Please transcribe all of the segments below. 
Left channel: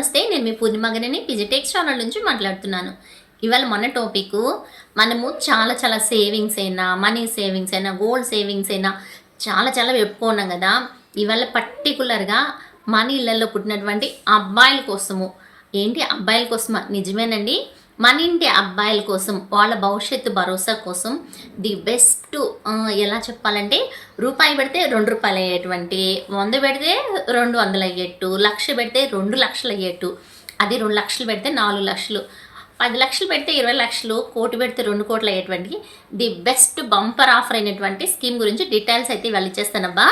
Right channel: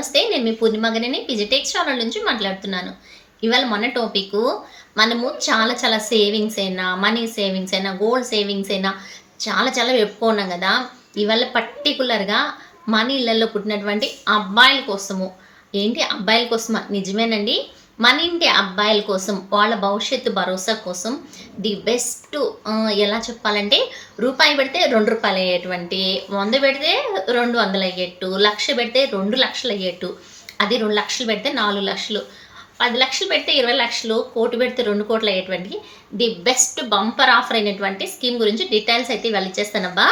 నమస్తే నేను మీ పూర్ణిమగరిని పిజిటెక్స్ ఛానల్ నుంచి మాట్లాడుతున్నాను. ఇవాళ మన టాపిక్ మనము చాలా చాలా సేవింగ్స్ అయినా మనీ సేవింగ్స్ అయినా గోల్డ్ సేవింగ్స్ అయినా చాలా చాలా చెప్పుకున్నాం కదా. ఇవాళ పర్టికులర్గా మన ఇళ్ళల్లో పుట్టినటువంటి అబ్బాయిల కోసము. ఏంటి అబ్బాయిల కోసమా? నిజమేనండి. మన ఇంటి అబ్బాయిల కోసం వాళ్ళ భవిష్యత్తు భరోసా కోసం ది బెస్ట్ ఎలా చెప్పాలంటే రూపాయి పెడితే రెండు రూపాయలు అయ్యేటువంటి వంద పెడితే రెండు వందలు అయ్యేట్టు లక్ష పెడితే రెండు లక్షలు అయ్యేట్టు అది రెండు లక్షలు పెడితే నాలుగు లక్షలు పది లక్షలు పెడితే ఇరవై లక్షలు కోటి పెడితే రెండు కోట్లు అయ్యేటువంటి ది బెస్ట్ బంపర్ ఆఫర్ అయినటువంటి స్కీమ్ గురించి డీటెయిల్స్ అయితే వెళ్ళి ఇచ్చేస్తానబ్బా.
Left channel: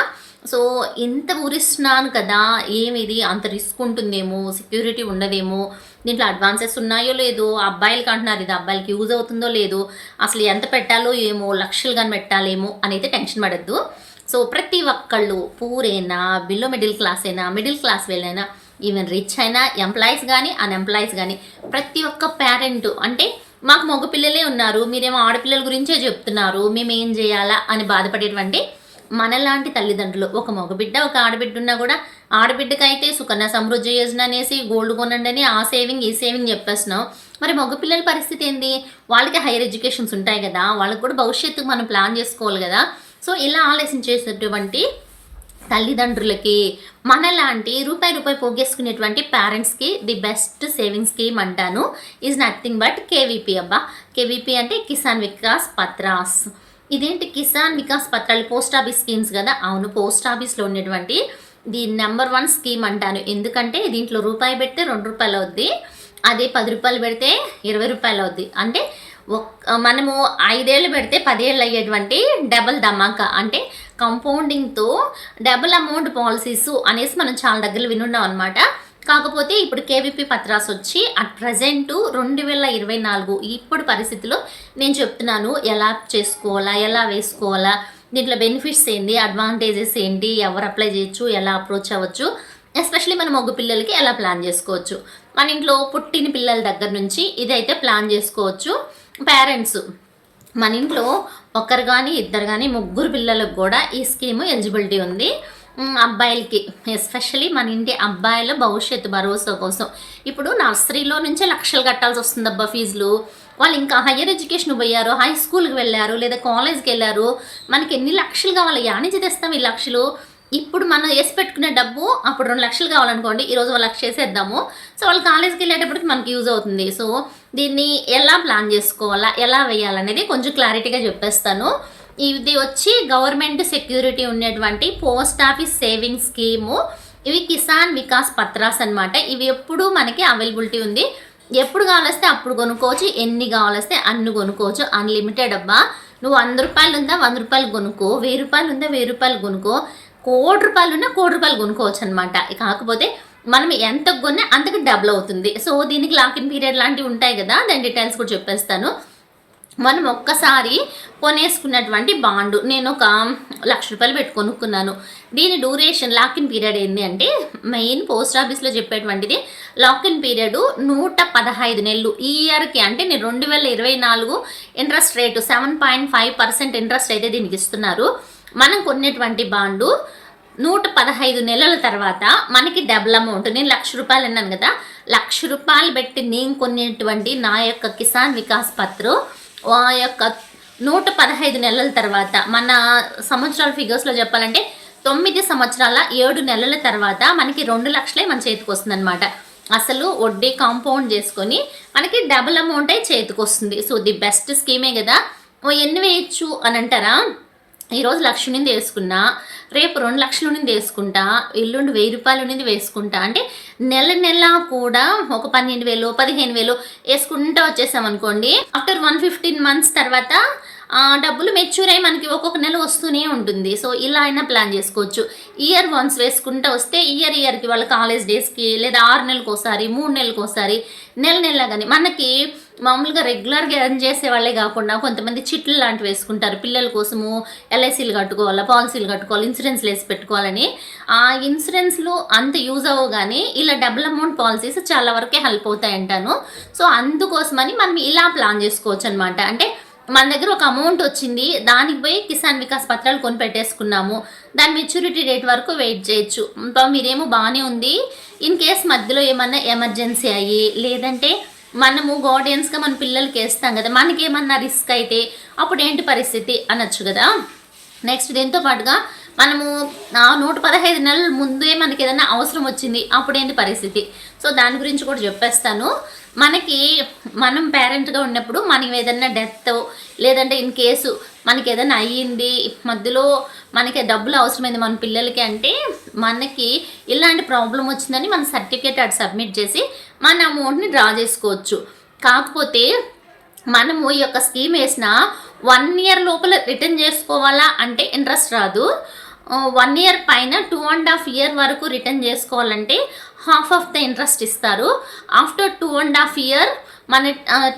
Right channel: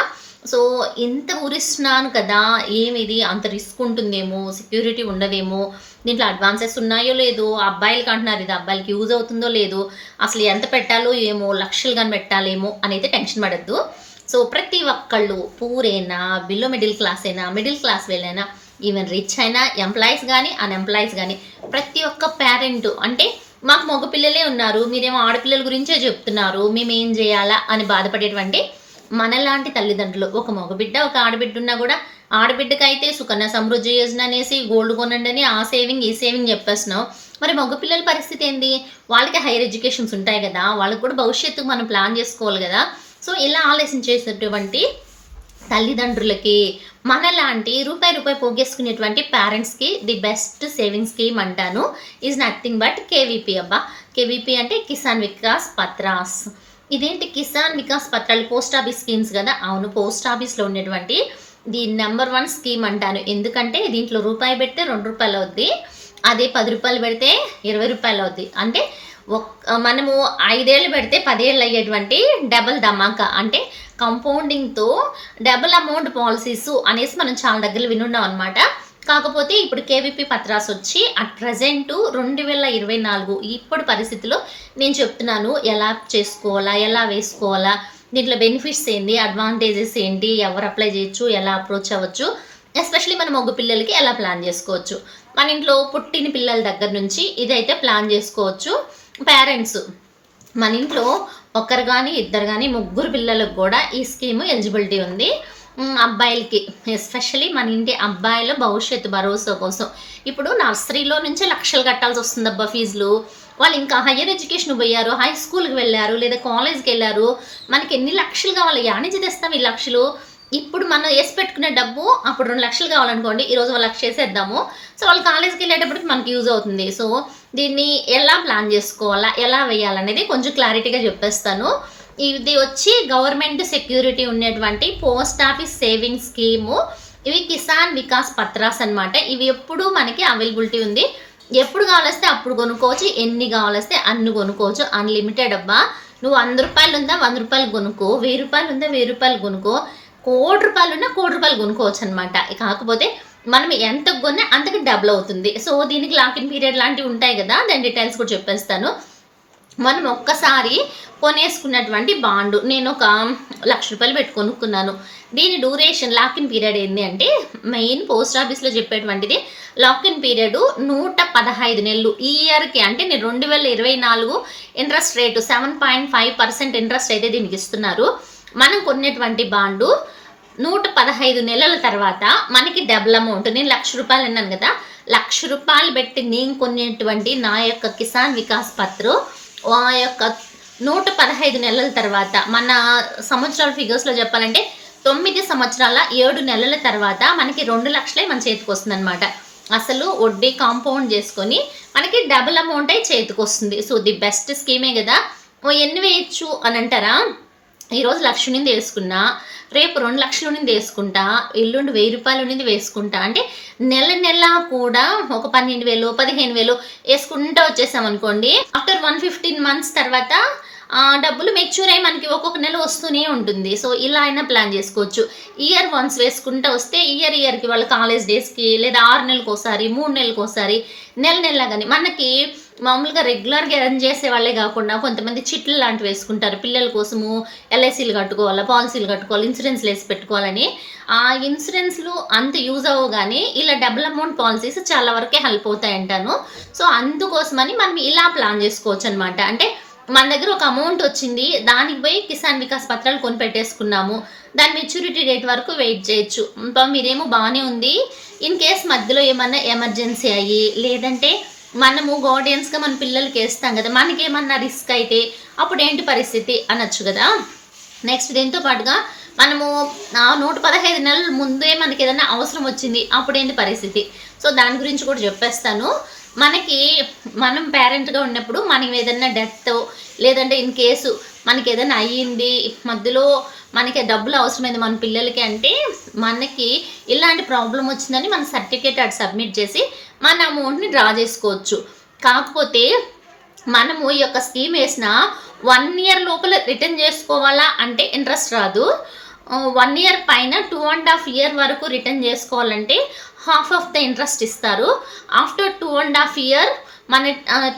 సో ఇంత ఊరిస్తున్నాను కదా ఏమిది అంత రిస్క్ ఉంటుందేమో సెక్యూరిటీ ఉండదేమో దీంట్లో అడ్వాన్సెస్ ఉన్నాయో లేదో అబ్బాయిలకి అంటున్నారు ఇది అబ్బాయిలకి యూజ్ అవుతుందో లేదో అసలు ఎంత పెట్టాలో ఏమో లక్షలు కానీ పెట్టాలేమో అనేది టెన్షన్ పడద్దు. సో ప్రతి ఒక్కళ్ళు పూరైనా బిలో మిడిల్ క్లాస్ అయినా మిడిల్ క్లాస్ వెళ్ళైనా ఈవెన్ రిచ్ అయినా ఎంప్లాయీస్ కానీ అన్ఎంప్లాయీస్ కానీ ప్రతి ఒక్క పేరెంట్ అంటే మాకు మగ పిల్లలే ఉన్నారు మీరేమో ఆడపిల్లల గురించే చెప్తున్నారు మేము ఏం చేయాలా అని బాధపడేటువంటి మనలాంటి తల్లిదండ్రులు ఒక మగబిడ్డ ఒక ఆడబిడ్డ ఉన్నా కూడా ఆడబిడ్డకైతే సుకన్య సమృద్ధి యోజన అనేసి గోల్డ్ కొనండి అని ఆ సేవింగ్ ఈ సేవింగ్ చెప్పేస్తున్నాం. మరి మగపిల్లల పరిస్థితి ఏంది? వాళ్ళకి హైయర్ ఎడ్యుకేషన్స్ ఉంటాయి కదా వాళ్ళకి కూడా భవిష్యత్తుకు మనం ప్లాన్ చేసుకోవాలి కదా. సో ఇలా ఆలోచించేటటువంటి తల్లిదండ్రులకి మనలాంటి రూపాయి రూపాయి పోగేసుకునేటువంటి పేరెంట్స్కి ది బెస్ట్ సేవింగ్ స్కీమ్ అంటాను. ఈజ్ నథింగ్ బట్ కేవీపీ అబ్బా. కేవీపీ అంటే కిసాన్ వికాస్ పత్రాస్. ఇదేంటి కిసాన్ వికాస్ పత్రాలు? పోస్ట్ ఆఫీస్ స్కీమ్స్ కదా? అవును పోస్ట్ ఆఫీస్లో ఉన్నటువంటి ది నెంబర్ వన్ స్కీమ్ అంటాను. ఎందుకంటే దీంట్లో రూపాయి పెడితే రెండు రూపాయలు అవుద్ది అదే పది రూపాయలు పెడితే ఇరవై రూపాయలు అవుద్ది. అంటే ఒక్ మనము ఐదేళ్ళు పెడితే పదేళ్ళు అయ్యేటువంటి డబుల్ ధమాకా. అంటే కంపౌండింగ్తో డబుల్ అమౌంట్ పాలసీస్ అనేసి మనం చాలా దగ్గర వినున్నాం అనమాట కాకపోతే ఇప్పుడు కేవీపీ పత్రాస్ వచ్చి అట్ ప్రజెంట్ రెండు వేల ఇరవై నాలుగు ఇప్పుడు పరిస్థితిలో నేను చెప్తున్నాను ఎలా చేసుకోవాలా ఎలా వేసుకోవాలా దీంట్లో బెనిఫిట్స్ ఏంటి అడ్వాంటేజెస్ ఏంటి ఎవరు అప్లై చేయొచ్చు ఎలా అప్రోచ్ అవ్వచ్చు ఎస్పెషలీ మన మగ పిల్లలకి ఎలా ప్లాన్ చేసుకోవచ్చు. మన ఇంట్లో పుట్టిన పిల్లల దగ్గర నుంచి ఇదైతే ప్లాన్ చేసుకోవచ్చు. పేరెంట్స్ మన ఇంట్లో ఒకరు కానీ ఇద్దరు కానీ ముగ్గురు పిల్లలకు కూడా ఈ స్కీమ్ ఎలిజిబిలిటీ ఉంది. అబ్బాయిలకి ఎస్పెషలీ మన ఇంటి అబ్బాయిల భవిష్యత్తు భరోసా కోసం. ఇప్పుడు నర్సరీలో నుంచే లక్షలు కట్టాల్సి వస్తుంది అబ్బా ఫీజులు. వాళ్ళు ఇంకా హయ్యర్ ఎడ్యుకేషన్ పోయారు హై స్కూల్కి వెళ్ళారు లేదా కాలేజ్కి వెళ్ళారు. మనకి ఎన్ని లక్షలు కావాలి? యానించి తెస్తాం ఈ లక్షలు. ఇప్పుడు మనం వేసి పెట్టుకునే డబ్బు అప్పుడు రెండు లక్షలు కావాలనుకోండి ఈరోజు ఒక లక్ష చేసేద్దాము సో వాళ్ళు కాలేజ్కి వెళ్ళేటప్పటికి మనకి యూజ్ అవుతుంది. సో దీన్ని ఎలా ప్లాన్ చేసుకోవాలా ఎలా వేయాలనేది కొంచెం క్లారిటీగా చెప్పేస్తాను. ఇది వచ్చి గవర్నమెంట్ సెక్యూరిటీ ఉన్నటువంటి పోస్ట్ ఆఫీస్ సేవింగ్స్ స్కీము. ఇవి కిసాన్ వికాస్ పత్రాస్ అన్నమాట. ఇవి ఎప్పుడు మనకి అవైలబిలిటీ ఉంది. ఎప్పుడు కావాలొస్తే అప్పుడు కొనుక్కోవచ్చు. ఎన్ని కావాలొస్తే అన్ని కొనుక్కోవచ్చు. అన్లిమిటెడ్ అబ్బా. నువ్వు వంద రూపాయలు ఉందా వంద రూపాయలు కొనుక్కో. వెయ్యి రూపాయలు ఉందా వెయ్యి రూపాయలు కొనుక్కో. కోటి రూపాయలు ఉన్నా కోటి రూపాయలు కొనుక్కోవచ్చు అనమాట కాకపోతే మనం ఎంత కొన్నా అంతకు డబుల్ అవుతుంది. సో దీనికి లాకిన్ పీరియడ్ లాంటివి ఉంటాయి కదా. దాని డీటెయిల్స్ కూడా చెప్పేస్తాను. మనం ఒక్కసారి కొనేసుకున్నటువంటి బాండు. నేను ఒక లక్ష రూపాయలు పెట్టి కొనుక్కున్నాను. దీని డ్యూరేషన్ లాకిన్ పీరియడ్ ఏంటి అంటే మెయిన్ పోస్ట్ ఆఫీస్లో చెప్పేటువంటిది లాకిన్ పీరియడ్ నూట పదహైదు నెలలు. ఈ ఇయర్కి అంటే నేను రెండు వేల ఇరవై నాలుగు interest rate seven point five percent interest అయితే దీనికి ఇస్తున్నారు. మనం కొన్నటువంటి బాండు నూట పదహైదు నెలల తర్వాత మనకి డబుల్ అమౌంట్ నేను లక్ష రూపాయలు అన్నాను కదా. లక్ష రూపాయలు పెట్టి నేను కొనేటువంటి నా యొక్క కిసాన్ వికాస్ పత్రు యొక్క నూట పదహైదు నెలల తర్వాత మన సంవత్సరాల ఫిగర్స్లో చెప్పాలంటే తొమ్మిది సంవత్సరాల ఏడు నెలల తర్వాత మనకి రెండు లక్షలే మన చేతికి వస్తుందన్నమాట. అసలు వడ్డీ కాంపౌండ్ చేసుకొని మనకి డబుల్ అమౌంట్ అయి చేతికి వస్తుంది. సో ది బెస్ట్ స్కీమే కదా? ఓ ఎన్ని వేయచ్చు అని అంటారా? ఈరోజు లక్ష నుండి వేసుకున్నా రేపు రెండు లక్షల నుండి వేసుకుంటా ఎల్లుండి వెయ్యి రూపాయల నుండి వేసుకుంటా. అంటే నెల నెల కూడా ఒక పన్నెండు వేలు పదిహేను వేలు వేసుకుంటా వచ్చేసాం అనుకోండి. ఆఫ్టర్ వన్ ఫిఫ్టీన్ మంత్స్ తర్వాత డబ్బులు మెచ్యూర్ అయ్యి మనకి ఒక్కొక్క నెల వస్తూనే ఉంటుంది. సో ఇలా అయినా ప్లాన్ చేసుకోవచ్చు. ఇయర్ వన్స్ వేసుకుంటూ వస్తే ఇయర్ ఇయర్కి వాళ్ళ కాలేజ్ డేస్కి లేదా ఆరు నెలలకు ఒకసారి మూడు నెలలకు ఒకసారి నెల నెల కానీ మనకి మామూలుగా రెగ్యులర్గా ఎర్న్ చేసే వాళ్ళే కాకుండా కొంతమంది చిట్లు లాంటివి వేసుకుంటారు. పిల్లల కోసము ఎల్ఐసీలు కట్టుకోవాలా పాలసీలు కట్టుకోవాలి ఇన్సూరెన్స్లు వేసి పెట్టుకోవాలని. ఆ ఇన్సూరెన్స్లు అంత యూజ్ అవ్వవు కానీ ఇలా డబుల్ అమౌంట్ పాలసీస్ చాలా వరకే హెల్ప్ అవుతాయి అంటాను సో అందుకోసమని మనం ఇలా ప్లాన్ చేసుకోవచ్చు అనమాట అంటే మన దగ్గర ఒక అమౌంట్ వచ్చింది దానికి పోయి కిసాన్ వికాస్ పత్రాలు కొని పెట్టేసుకున్నాము దాని మెచ్యూరిటీ డేట్ వరకు వెయిట్ చేయొచ్చు. మీరేమో బాగానే ఉంది. ఇన్ కేస్ మధ్యలో ఏమన్నా ఎమర్జెన్సీ అయ్యి లేదంటే మనము గార్డియన్స్గా మన పిల్లలకి వేస్తాం కదా మనకేమన్నా రిస్క్ అయితే అప్పుడు ఏంటి పరిస్థితి అనొచ్చు కదా. నెక్స్ట్ దీంతో పాటుగా మనము నూట పదహైదు నెలల ముందే మనకి ఏదైనా అవసరం వచ్చింది అప్పుడు ఏంటి పరిస్థితి? సో దాని గురించి కూడా చెప్పేస్తాను. మనకి మనం పేరెంట్గా ఉన్నప్పుడు మనకి ఏదైనా డెత్ లేదంటే ఇన్ కేసు మనకి ఏదైనా అయ్యింది మధ్యలో మనకి డబ్బులు అవసరమైంది మన పిల్లలకి అంటే మనకి ఇలాంటి ప్రాబ్లం వచ్చిందని మన సర్టిఫికేట్ అటు సబ్మిట్ చేసి మన అమౌంట్ని డ్రా చేసుకోవచ్చు. కాకపోతే మనము ఈ యొక్క స్కీమ్ వేసిన వన్ ఇయర్ లోపల రిటర్న్ చేసుకోవాలా అంటే ఇంట్రెస్ట్ రాదు. వన్ ఇయర్ పైన టూ అండ్ హాఫ్ ఇయర్ వరకు రిటర్న్ చేసుకోవాలంటే హాఫ్ ఆఫ్ ద ఇంట్రెస్ట్ ఇస్తారు. After two and half year మన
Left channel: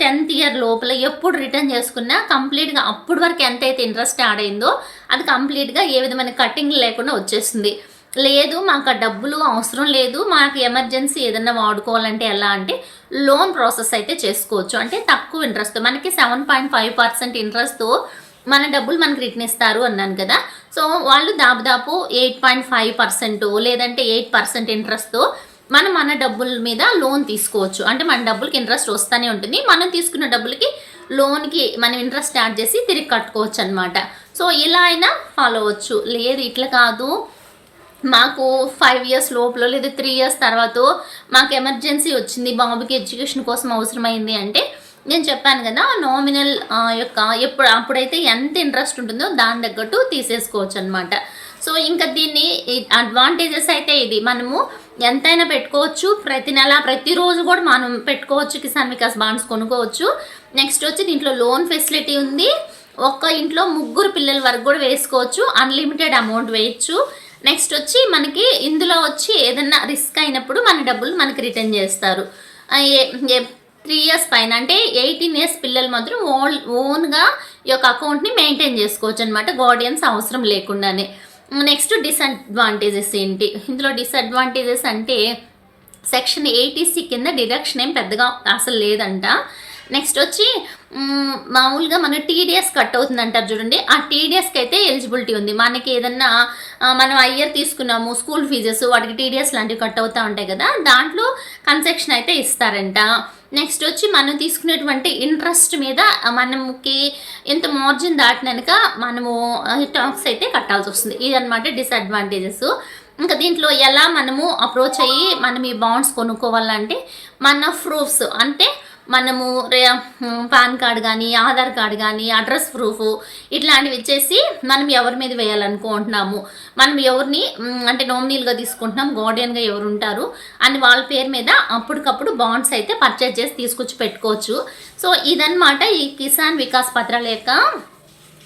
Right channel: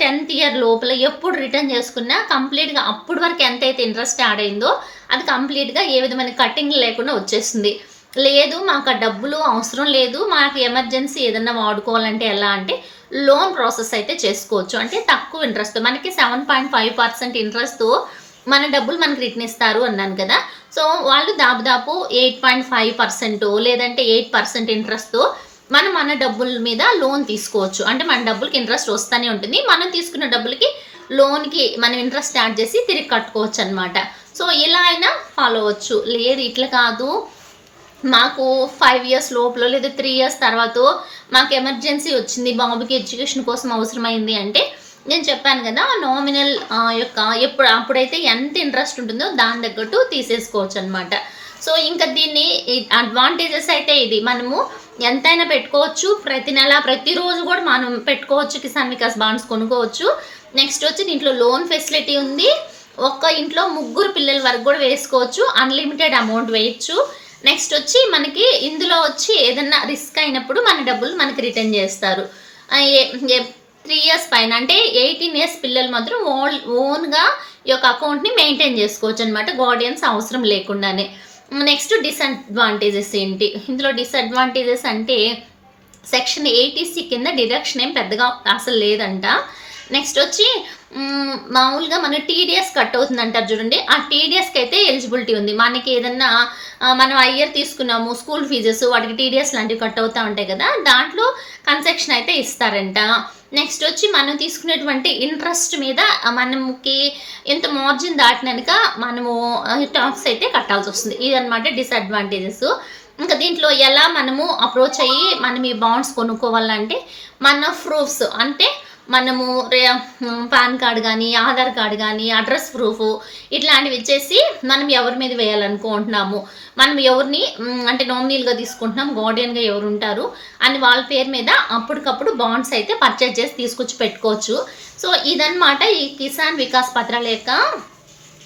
టెన్త్ ఇయర్ లోపల ఎప్పుడు రిటర్న్ చేసుకున్నా కంప్లీట్గా అప్పుడు వరకు ఎంతైతే ఇంట్రెస్ట్ యాడ్ అయిందో అది కంప్లీట్గా ఏ విధమైన కటింగ్ లేకుండా వచ్చేస్తుంది. లేదు మాకు ఆ డబ్బులు అవసరం లేదు మాకు ఎమర్జెన్సీ ఏదన్నా వాడుకోవాలంటే ఎలా అంటే లోన్ ప్రాసెస్ అయితే చేసుకోవచ్చు. అంటే తక్కువ ఇంట్రెస్ట్ మనకి సెవెన్ పాయింట్ ఫైవ్ పర్సెంట్ ఇంట్రెస్ట్తో మన డబ్బులు మనకి రిటర్న్ ఇస్తారు అన్నాను కదా. సో వాళ్ళు దాదాపు ఎయిట్ పాయింట్ ఫైవ్ పర్సెంట్ లేదంటే ఎయిట్ పర్సెంట్ ఇంట్రెస్ట్తో మనం మన డబ్బుల మీద లోన్ తీసుకోవచ్చు. అంటే మన డబ్బులకి ఇంట్రెస్ట్ వస్తూనే ఉంటుంది. మనం తీసుకున్న డబ్బులకి లోన్కి మనం ఇంట్రెస్ట్ స్టార్ట్ చేసి తిరిగి కట్టుకోవచ్చు అనమాట సో ఇలా అయినా ఫాలో అవ్వచ్చు. లేదు ఇట్లా కాదు. మాకు ఫైవ్ ఇయర్స్ లోపల లేదా త్రీ ఇయర్స్ తర్వాత మాకు ఎమర్జెన్సీ వచ్చింది. బాబుకి ఎడ్యుకేషన్ కోసం అవసరమైంది అంటే నేను చెప్పాను కదా నామినల్ యొక్క ఎప్పుడు అప్పుడైతే ఎంత ఇంట్రెస్ట్ ఉంటుందో దాని తగ్గట్టు తీసేసుకోవచ్చు అనమాట సో ఇంకా దీన్ని అడ్వాంటేజెస్ అయితే ఇది. మనము ఎంతైనా పెట్టుకోవచ్చు. ప్రతి నెల ప్రతిరోజు కూడా మనం పెట్టుకోవచ్చు. కిసాన్ వికాస్ బాండ్స్ కొనుక్కోవచ్చు. నెక్స్ట్ వచ్చి దీంట్లో లోన్ ఫెసిలిటీ ఉంది. ఒక్క ఇంట్లో ముగ్గురు పిల్లల వరకు కూడా వేసుకోవచ్చు. అన్లిమిటెడ్ అమౌంట్ వేయచ్చు. నెక్స్ట్ వచ్చి మనకి ఇందులో వచ్చి ఏదన్నా రిస్క్ అయినప్పుడు మన డబ్బులు మనకి రిటర్న్ చేస్తారు. త్రీ ఇయర్స్ పైన అంటే ఎయిటీన్ ఇయర్స్ పిల్లలు మాత్రం ఓన్ ఓన్గా ఈ యొక్క అకౌంట్ని మెయింటైన్ చేసుకోవచ్చు అనమాట గార్డియన్స్ అవసరం లేకుండానే. నెక్స్ట్ డిసడ్వాంటేజెస్ ఏంటి? ఇందులో డిసడ్వాంటేజెస్ అంటే సెక్షన్ ఎయిటీసీ కింద డిడక్షన్ ఏం పెద్దగా అసలు లేదంట. నెక్స్ట్ వచ్చి మామూలుగా మన టీడీఎస్ కట్ అవుతుంది అంటారు చూడండి. ఆ టీడీఎస్కి అయితే ఎలిజిబిలిటీ ఉంది. మనకి ఏదన్నా మనం అయ్యర్ తీసుకున్నాము స్కూల్ ఫీజెస్ వాటికి టీడీఎస్ లాంటివి కట్ అవుతూ ఉంటాయి కదా దాంట్లో కన్సెక్షన్ అయితే ఇస్తారంట. నెక్స్ట్ వచ్చి మనం తీసుకునేటువంటి ఇంట్రెస్ట్ మీద మనకి ఎంత మార్జిన్ దాటినాక మనము టాక్స్ అయితే కట్టాల్సి వస్తుంది. ఇదనమాట డిసడ్వాంటేజెస్ ఇంకా దీంట్లో ఎలా మనము అప్రోచ్ అయ్యి మనం ఈ బాండ్స్ కొనుక్కోవాలంటే మన ప్రూఫ్స్ అంటే మనము రే పాన్ కార్డ్ కానీ ఆధార్ కార్డ్ కానీ అడ్రస్ ప్రూఫ్ ఇట్లాంటివి ఇచ్చేసి మనం ఎవరి మీద వేయాలనుకుంటున్నాము? మనం ఎవరిని అంటే నోమినీలుగా తీసుకుంటున్నాం గార్డియన్గా ఎవరు ఉంటారు అని వాళ్ళ పేరు మీద అప్పటికప్పుడు బాండ్స్ అయితే పర్చేజ్ చేసి తీసుకొచ్చి పెట్టుకోవచ్చు. సో ఇదనమాట ఈ కిసాన్ వికాస్ పత్రాల యొక్క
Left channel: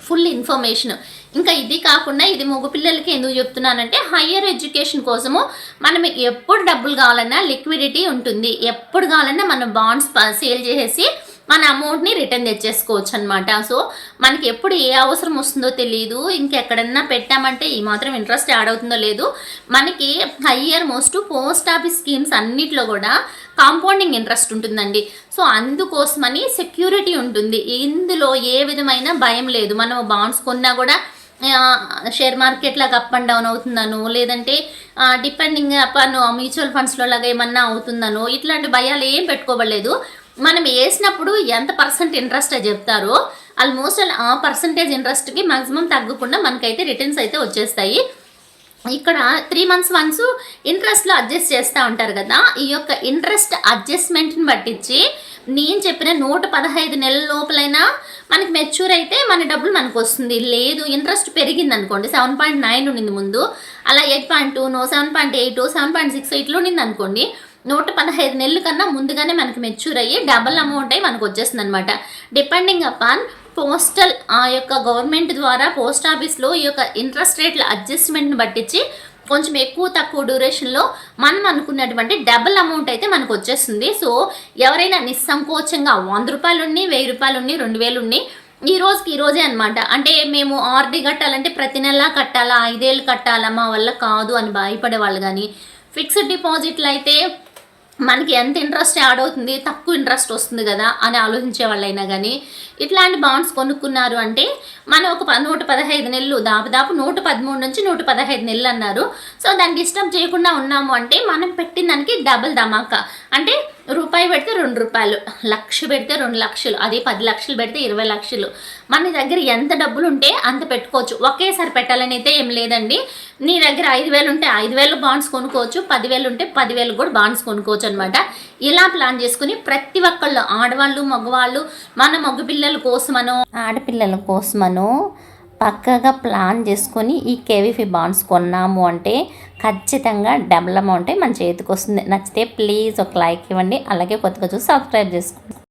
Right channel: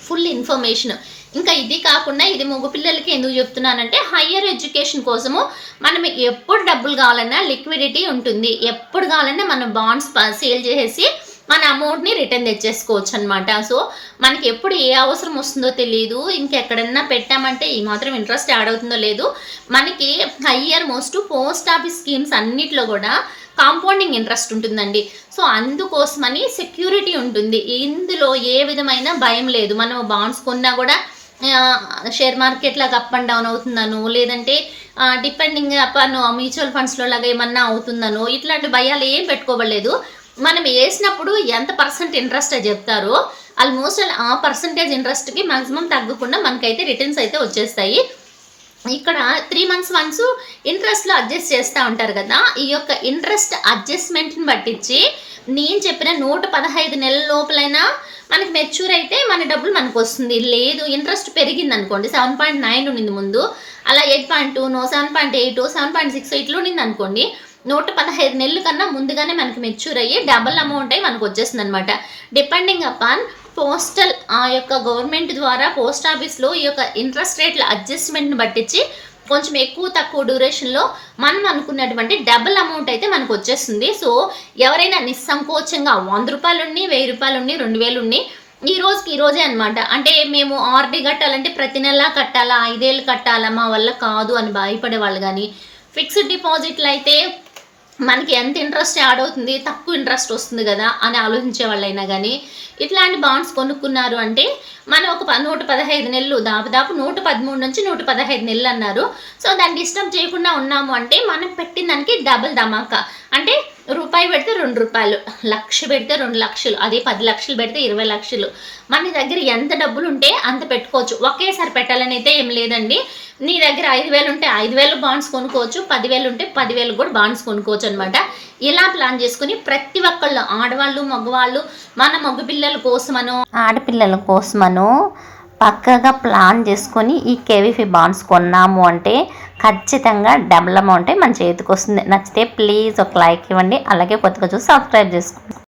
ఫుల్ ఇన్ఫర్మేషన్. ఇంకా ఇది కాకుండా ఇది మగ పిల్లలకి ఎందుకు చెప్తున్నానంటే హయ్యర్ ఎడ్యుకేషన్ కోసము మనం ఎప్పుడు డబ్బులు కావాలన్నా లిక్విడిటీ ఉంటుంది. ఎప్పుడు కావాలన్నా మనం బాండ్స్ సేల్ చేసేసి మన అమౌంట్ని రిటర్న్ తెచ్చేసుకోవచ్చు అనమాట సో మనకి ఎప్పుడు ఏ అవసరం వస్తుందో తెలియదు ఇంకెక్కడన్నా పెట్టామంటే ఈ మాత్రం ఇంట్రెస్ట్ యాడ్ అవుతుందో లేదు. మనకి higher most post office schemes అన్నిట్లో కూడా కాంపౌండింగ్ ఇంట్రెస్ట్ ఉంటుందండి. సో అందుకోసమని సెక్యూరిటీ ఉంటుంది. ఇందులో ఏ విధమైన భయం లేదు. మనం బాండ్స్ కొన్నా కూడా షేర్ మార్కెట్ లాగా అప్ అండ్ డౌన్ అవుతుందను లేదంటే డిపెండింగ్ అపాన్ మ్యూచువల్ ఫండ్స్లో లాగా ఏమన్నా అవుతుందను ఇట్లాంటి భయాలు ఏం పెట్టుకోవలేదు మనం వేసినప్పుడు ఎంత పర్సెంట్ ఇంట్రెస్ట్ చెప్తారో ఆల్మోస్ట్ ఆ పర్సంటేజ్ ఇంట్రెస్ట్కి మాక్సిమం తగ్గకుండా మనకైతే రిటర్న్స్ అయితే వచ్చేస్తాయి. ఇక్కడ త్రీ మంత్స్ వన్స్ ఇంట్రెస్ట్లో అడ్జస్ట్ చేస్తూ ఉంటారు కదా ఈ యొక్క ఇంట్రెస్ట్ అడ్జస్ట్మెంట్ని పట్టించి నేను చెప్పిన నూట పదహైదు నెలల లోపలైనా మనకి మెచ్యూర్ అయితే మన డబ్బులు మనకు వస్తుంది. లేదు ఇంట్రెస్ట్ పెరిగింది అనుకోండి సెవెన్ పాయింట్ నైన్ ఉండింది ముందు అలా eight point two no seven point eight seven point six ఎయిట్లో ఉండింది అనుకోండి నూట పదహైదు నెలల కన్నా ముందుగానే మనకి మెచ్యూర్ అయ్యి డబల్ అమౌంట్ అయ్యి మనకు వచ్చేస్తుంది అనమాట డిపెండింగ్ అపాన్ పోస్టల్ ఆ యొక్క గవర్నమెంట్ ద్వారా పోస్ట్ ఆఫీస్లో ఈ యొక్క ఇంట్రెస్ట్ రేట్ల అడ్జస్ట్మెంట్ని పట్టించి కొంచెం ఎక్కువ తక్కువ డ్యూరేషన్లో మనం అనుకున్నటువంటి డబుల్ అమౌంట్ అయితే మనకు వచ్చేస్తుంది. సో ఎవరైనా నిస్సంకోచంగా వంద రూపాయలు ఉన్నాయి వెయ్యి రూపాయలు ఉన్ని రెండు వేలు ఉన్నాయి ఈ రోజుకి ఈ రోజే అనమాట అంటే మేము ఆర్డీ కట్టాలంటే ప్రతి నెల కట్టాలా? ఐదేళ్ళు కట్టాలా? మా వల్ల కాదు అని భయపడే వాళ్ళు కానీ ఫిక్స్డ్ డిపాజిట్లు అయితే మనకి ఎంత ఇంట్రెస్ట్ యాడ్ అవుతుంది తక్కువ ఇంట్రెస్ట్ వస్తుంది కదా అని ఆలోచించే వాళ్ళైనా కానీ ఇట్లాంటి బాండ్స్ కొనుక్కున్నారు అంటే మనం ఒక ప- నూట పదహైదు నెలలు దాదాపు నూట పదమూడు నుంచి నూట పదహైదు నెలలు అన్నారు. సో దాన్ని డిస్టర్బ్ చేయకుండా ఉన్నాము అంటే మనం పెట్టిన దానికి డబుల్ ధమాకా. అంటే రూపాయి పెడితే రెండు రూపాయలు లక్ష పెడితే రెండు లక్షలు అదే పది లక్షలు పెడితే ఇరవై లక్షలు. మన దగ్గర ఎంత డబ్బులు ఉంటే అంత పెట్టుకోవచ్చు. ఒకేసారి పెట్టాలని అయితే ఏం లేదండి. నీ దగ్గర ఐదు వేలు ఉంటే ఐదు వేలు బాండ్స్ కొనుక్కోవచ్చు పదివేలు ఉంటే పదివేలు కూడా బాండ్స్ కొనుక్కోవచ్చు అనమాట ఇలా ప్లాన్ చేసుకుని ప్రతి ఒక్కళ్ళు ఆడవాళ్ళు మగవాళ్ళు మన మగపిల్లల కోసమనో ఆడపిల్లల కోసమనో పక్కగా ప్లాన్ చేసుకొని ఈ కేవీఫీ బాండ్స్ కొన్నాము అంటే ఖచ్చితంగా డబుల్ అమౌంటే మన చేతికి వస్తుంది నచ్చితే ప్లీజ్ ఒక లైక్ ఇవ్వండి. అలాగే కొత్తగా చూసి సబ్స్క్రైబ్ చేసుకోండి.